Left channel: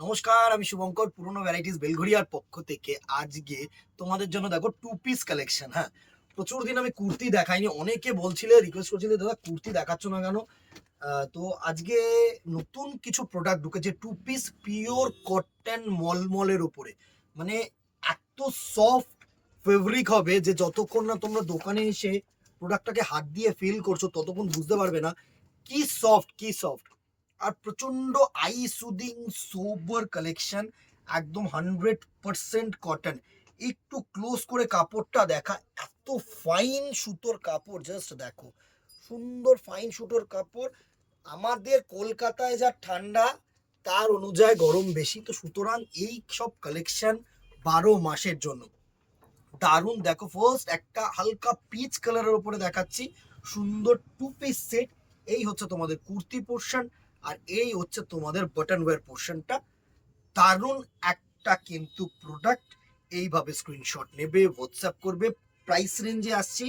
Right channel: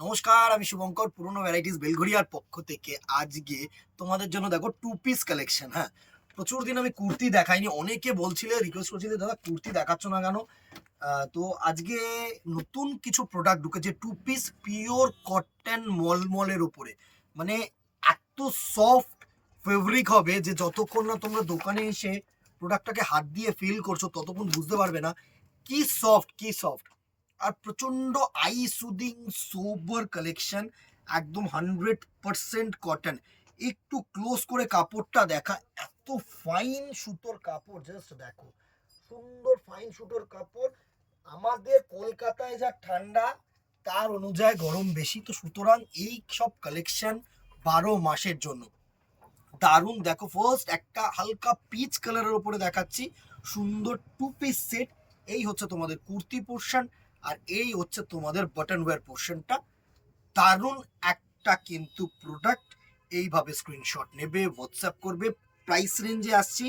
নমস্কার, আমি শুভঙ্কর পুরনো ভ্যারাইটিস বেলঘড়িয়ার পক্ষ থেকে আজকে তোমাদের জন্য দেখো টু পিস কালেকশন। হ্যাঁ, প্রচুর দিন আমি কুর্তি দেখাইনি, অনেকে বলছিলে, রিকোয়েস্ট করছিলে দাদা কুর্তি দেখাচ্ছ না কেন। তো আজকে নতুন কিছু প্রোডাক্ট ঢুকেছে টু পিস পিওর কটন মলমলের উপরে। মানে এত সফট ফেব্রিক হবে যে যতক্ষণ না তোমরা দোকানে এসে প্রোডাক্টটাকে হাত দিয়ে ফিল করছো ততক্ষণ বুঝতে পারবে না কি সফট কি সফট। আর প্রচন্ড আই সুদিং সোবার কালেকশন, একদম 100% কটন। একটু ক্লোজ করে কাপড়টা দেখা, এত ফাইন সুতোর কাপড়, জাস্ট দেখো, সুন্দর ফাইন সুতোর কাপড়। আমাদের কলকাতায় যা ঠান্ডা তার অনুযায়ী গরম বেশি, তো সুতরাং এই সব কালেকশন 12 মাসের জন্য দারুণ। দেখো, ফার্স্ট একটা হালকা পিচ কালারের উপরে দেখাচ্ছি, সুন্দর টু পিস সেট। এই হচ্ছে তোমাদের কুর্তি পোর্শন, আর এই হচ্ছে তোমাদের বাটন ওয়্যার পোর্শনটা। দারুণ একটা কিন্তু প্রোডাক্ট। এইভাবে স্ক্রিনশট নেবে, হোয়াটসঅ্যাপ করবে। প্রাইস রেঞ্জে আসছি,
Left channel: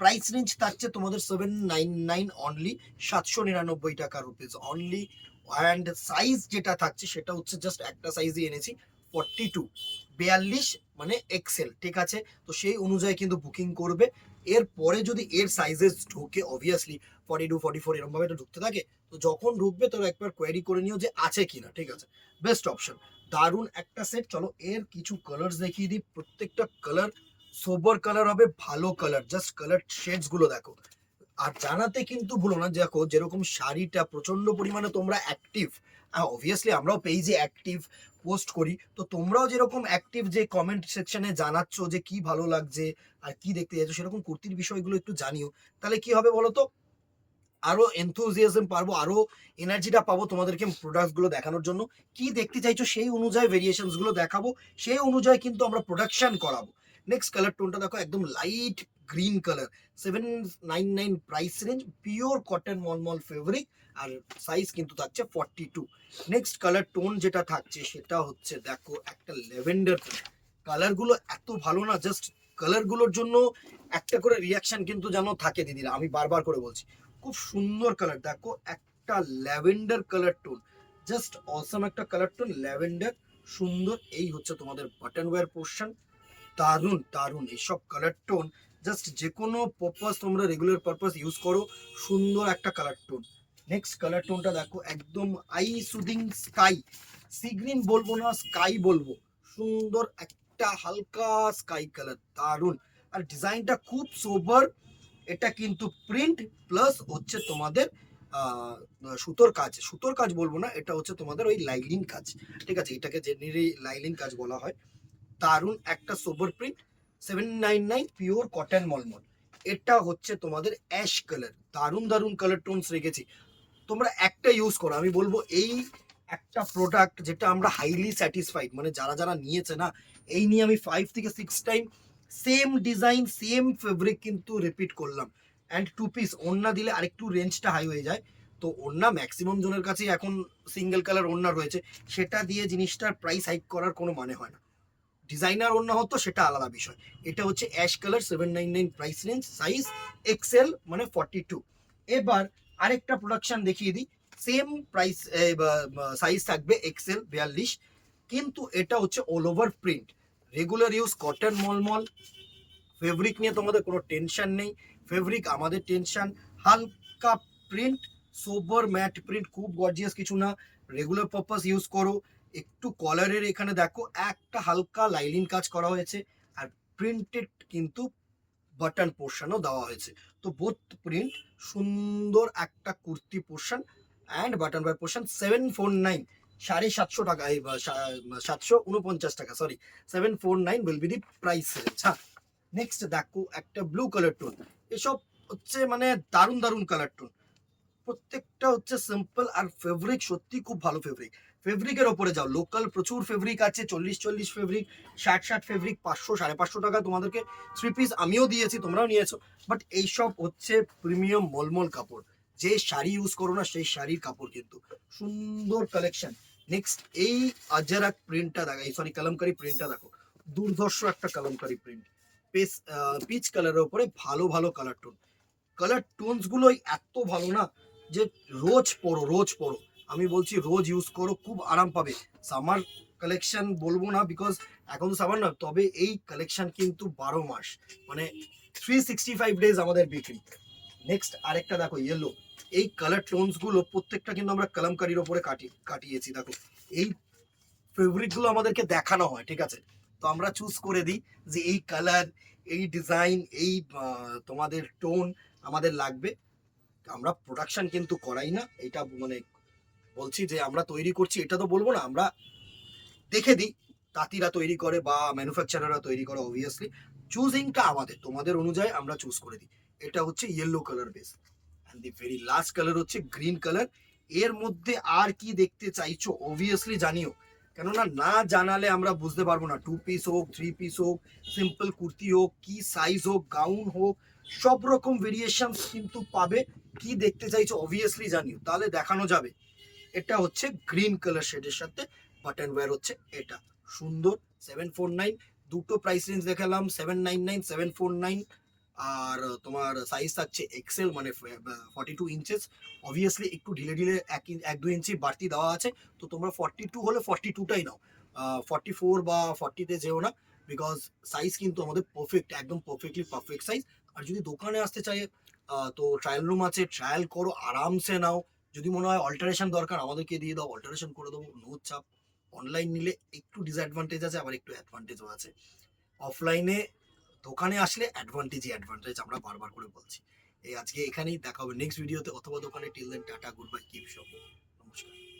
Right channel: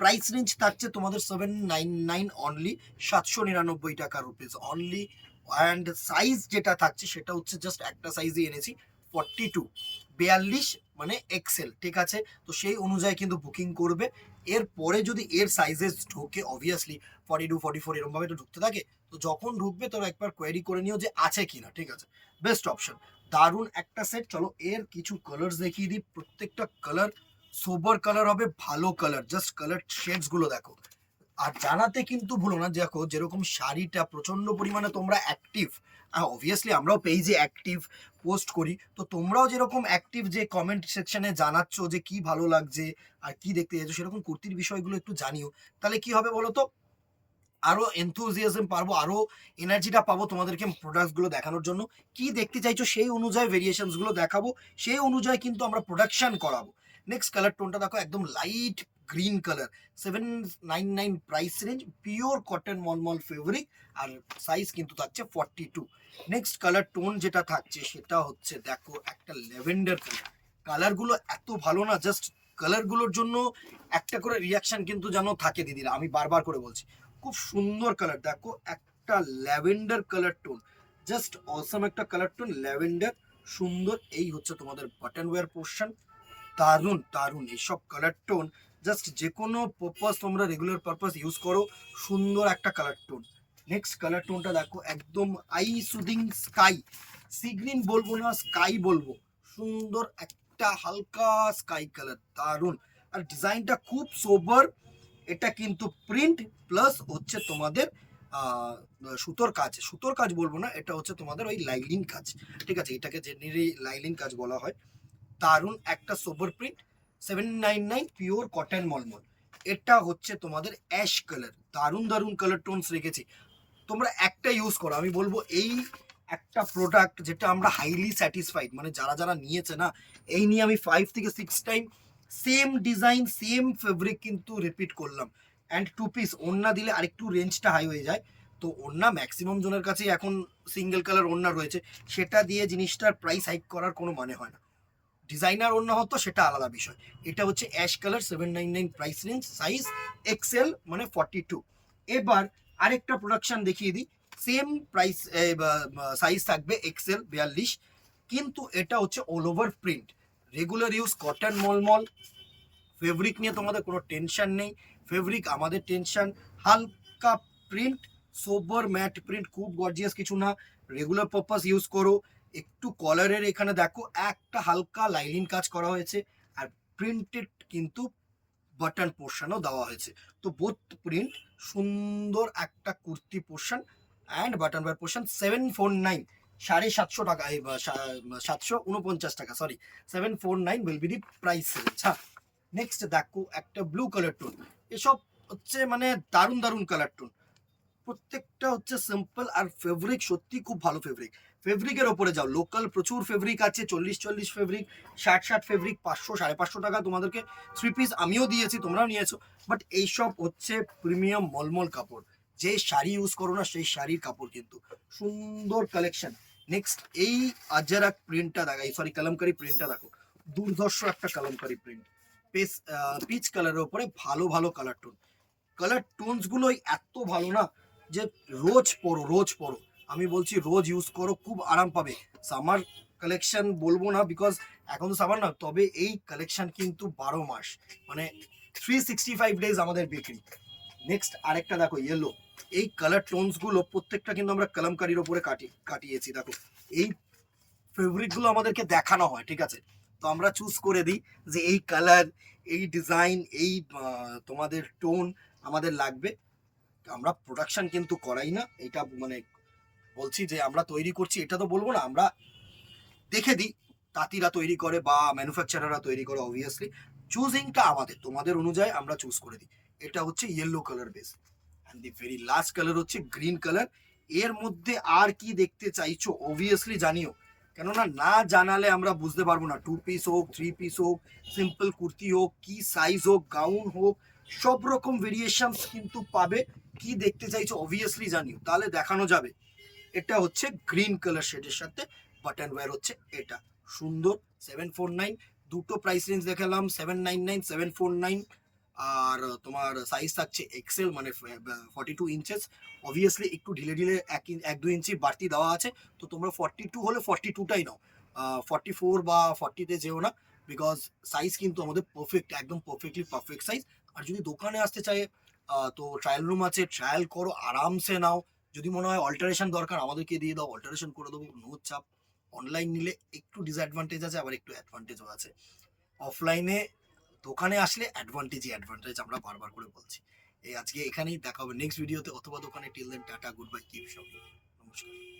প্রাইস রেঞ্জ থাকছে তোমাদের 799 অনলি, 799 টাকা রুপিস অনলি। অ্যান্ড সাইজ যেটা থাকছে সেটা হচ্ছে জাস্ট একটা সাইজই এনেছি, 42, 42 মানে এক্সেল, ঠিক আছে? তো সেই অনুযায়ী কিন্তু বুকিং করবে। এরপরে যদি এর সাইজেস ঢোকে, অবভিয়াসলি 42, 44 এরকম ভাবে তো ঢুকতে থাকে। তো যখন ঢুকবে তবে একবার কোয়েরি করে নিও যে আছে কিনা, ঠিক আছে? Best option. দারুণ একটা সেট। চলো এর কিছু কালার দেখিয়ে দিই, প্রত্যেকটা কালার সোবার কালার হবে, ভালো কালার। জাস্ট কালার শেডস গুলো দেখো। আর জানাতে কিন্তু ভুলো না, দেখো যেরকম শাড়িটা প্রচন্ড পরিমাণে তোমরা অ্যাক্টিভ, অবভিয়াসলি আমরাও পেজে অ্যাক্টিভ পোস্ট করি, তো তোমরাও যেরকম অ্যাক্টিভ যে কমেন্ট সেকশনে জানাচ্ছ যে কি ভালো লাগছে আর কি দেখতে চাইছো, সেরকম কুর্তির বিষয়গুলো একটু জানিও। তাহলে কি হবে বলো তো, আরো এনথুজিয়াজম পারবো, আরো এনার্জিটা পাবো তোমাদেরকে প্রোডাক্টস গুলো দেখানোর জন্য। কি দেখতে চাইছো সেই অনুযায়ী ভেরিয়েশনস গুলো দেখাবো, সেই অনুযায়ী কিন্তু আমরা প্রোডাকশন করাবো। নেক্সট কালার টোনটা দেখো, একদম light green colour, 799 price range, pure cotton মলমল ফেব্রিক, আর সাইজ কিন্তু থাকছে 42। নেক্সট কালার টোন যেটা থাকছে সেটা হচ্ছে দেখো একটা ল্যাভেন্ডার কালার। কালারগুলো এত ভালো না, জাস্ট কালারগুলোর জন্য একটা করে রিয়াকশন কিন্তু যেন থাকে দিদিরা, আমি বারবার করে বলছি। খুব সুন্দর কালার দেখো, একটা ল্যাভেন্ডার কালার টোন, জাস্ট অসম একটা কালার টোন ল্যাভেন্ডার, সুন্দর। এই হচ্ছে তোমাদের বাটন ওয়্যার পোর্শন। দারুণ দারুণ এইসব কালার টোন, জাস্ট যে কোনো পারপাস তোমরা রেগুলার পারপাস ইউজ করো, সুন্দর একটা কালার টোন। নেক্সট কালার টোনটা দেখো, একদম I soothing sky, sea green বলবো না, স্কাই বলবো, সুন্দর একটা হালকা স্কাই কালার, দারুণ। আর ডিজাইনটা খুব সোবার। এটা কিন্তু প্রিন্ট প্লাস হচ্ছে তোমাদের আহ, সুতোর কাজ, সুতোর কাজ বলবো না, এটা হচ্ছে তোমাদের ওই লাইলিং কাজ, ঠিক আছে? এটাকে জেনারেলি লাইলিং কাজ বলা হয়। দারুণ একটা সোবার প্রিন্ট, 799 পিওর কটন মলমল। এটা হচ্ছে তোমাদের অ্যাশ কালার, দারুণ দারুণ কালার টোনস রেখেছি। তোমরা একটা ইউজ করো, আমি বলবো এই একটা প্রোডাক্ট যেটা আমরা হাইলি স্যাটিসফাইড, মানে যারা যারা নিয়েছে না, এই নিয়ে আমি 5 থেকে 6 time same design same fabric কিন্তু রিপিট করলাম। অ্যান্ড টু পিস ওড়না দিলে আরেকটু রেঞ্জটা হাই হয়ে যায়। তো ওড়না ম্যাক্সিমাম জনের কাছেই এখন সিঙ্গেল কালার ওড়না রয়েছে, সেটা দিয়ে জিনিসটার প্রাইস হাইক করার কোনো মানে হয় না। ডিজাইনার ওড়না হতো সেটা আলাদা বিষয়। এটা হচ্ছে ash colour, 799 price range, size XL মানে 42। এবার আরেকটা প্রোডাকশন দেখিয়ে দিই, সেম প্রাইস সাইজ থাকবে এক্সেল 42, কিন্তু এটা হচ্ছে all over print, regular use cotton মলমল। ফেব্রিক নিয়ে তোমাদের কোনো টেনশন নেই, ফেব্রিক আমাদের টেনশন। হালকা প্রিন্ট, সোবার ম্যাট প্রিন্ট, খুব গর্জিয়াস কিছু না, রেগুলার পারপাস ইউজ করো। একটু কলারের এখানে দেখো একটা হালকা লাইনিং কাজ করা হয়েছে, আর প্রিন্টেড কিন্তু বাটন পোর্শনও দেওয়া হয়েছে। তো বোথ প্রিন্ট, সুন্দর একটা kurti portion and bottom wear portion. 749, 750 টাকা, 749 টাকা, sorry, 749 will be the price range. হ্যাঁ, নেক্সট দেখো একটা ব্লু কালার টোন। এসব হচ্ছে মানে দারুণ দারুণ কালার টোন, প্রত্যেকটা হচ্ছে সিম্পল, আর ফেব্রিক সত্যি খুব ভালো ফেব্রিক। ফেব্রিকের ওপরে যাও, লোকাল প্রচুর ফেব্রিক আছে, 40 ফেব্রিক, 60 ফেব্রিক, 500 550 টাকা তোমাদেরকে থ্রি পিস আমিও দিয়েছি, তোমরাও নিয়েছো। বাট এইসব হচ্ছে প্রিমিয়াম মলমল কাপড়, যে শাড়ি ইউজ করো না সেই শাড়ির কাপড় কিন্তু। সুন্দর কালেকশন। নেক্সট এই আজরাক প্রিন্টটা দেখো, এই সরি কালামকারি প্রিন্টটা দেখো, দুর্ধর্ষ একটা কালামকারি প্রিন্ট, পিচ কালারের উপরে ভালো ভালো কালার টোন। কালার টোনস গুলোই এত ভালো না যে রোজ পড়ো রোজ পড়ো। আমি বলছি রোজ ইউজ করো, খুব আরাম পাবে। সামার কালেকশন বলবো না, বিকজ এখন তো সামার না, তবে এই কালেকশন কিন্তু 12 মাস, মানে 365 ডেজ আমাদের বিক্রি। নেক্সট আরেকটা দেখো ইয়েলো, এই কালার টোনস গুলো প্রত্যেকটা কিন্তু আমরা কলমকারির ওপরে কাটিয়েছি। দেখো এই ফেব্রিক গুলো আমাদেরকে দেখানো হয়, ঠিক আছে, তো আমরা চুজ করে দিই যে এই কালার, এই ডিজাইন, এই তোমাদের টোন আমাদের লাগবে। আমরা প্রোডাকশন কিন্তু করাই না, এটা মানে বলছি যে আমরা তৈরি করছি এটা তো বলবো না, আমরা দেখে দিই তাঁতিরা তৈরি করে বা ম্যানুফ্যাকচারাররা তৈরি করে, অবভিয়াসলি চুজিংটা আমাদের, তোমাদের অনুযায়ী আমরা চুজ করে দিই। এটা হচ্ছে yellow colour base, and the very last colour হচ্ছে গ্রিন কালার। এর মধ্যে আর কি দেখতে চাইছো অবভিয়াসলি জানিও, কেননা না জানালে আমরা বুঝতে পারবো না। 2 পিস হোক, 3 পিস হোক, সিম্পল কুর্তি হোক, কি সাইজ হোক, গাউন হোক, সব রকম ভেরিয়েশন কিন্তু পাবে। কি দেখতে চাইছো অবভিয়াসলি জানিও, তাহলে দেখানো যাবে। এটা হচ্ছে গ্রিন কালার শেডের সাথে বাটন ওয়্যার হচ্ছে এটা, সুন্দর। 749, দুটো প্রাইস রেঞ্জ দেখালাম, 799, 749। আর তোমার সাইজ থাকছে এক্সেল, মানে 42 ইঞ্চেস। অবভিয়াসলি একটু ঢিলে ঢিলে 1-2 ইঞ্চি বাড়তি দেওয়া আছে, তো তোমরা 42 হলে 42টাই নাও, 44 বা 40তে যেও না, বিকজ সাইজ কিন্তু আমাদের পারফেক্ট, একদম পারফেক্টলি পারফেক্ট সাইজ। আর যদি দোকানে আসতে চাই তো ট্রায়াল রুম আছে, ট্রায়াল করো, আরামসে নাও। যদি মনে হয় অল্টারেশন দরকার আমাদেরকে দিয়ে দাও, অল্টারেশন করে দেবো, নো চাপ। অনলাইন নিলে একটু ডিসঅ্যাডভান্টেজ আছে, আবার একটু অ্যাডভান্টেজও আছে। অফলাইনে দোকানে আসলে অ্যাডভান্টেজই অ্যাডভান্টেজ, আমরা বারবার করে বলছি। এই আজকে এখানেই দেখা হবে নেক্সট ভিডিওতে অথবা দোকানে। Till then tata, good bye, keep shopping, নমস্কার।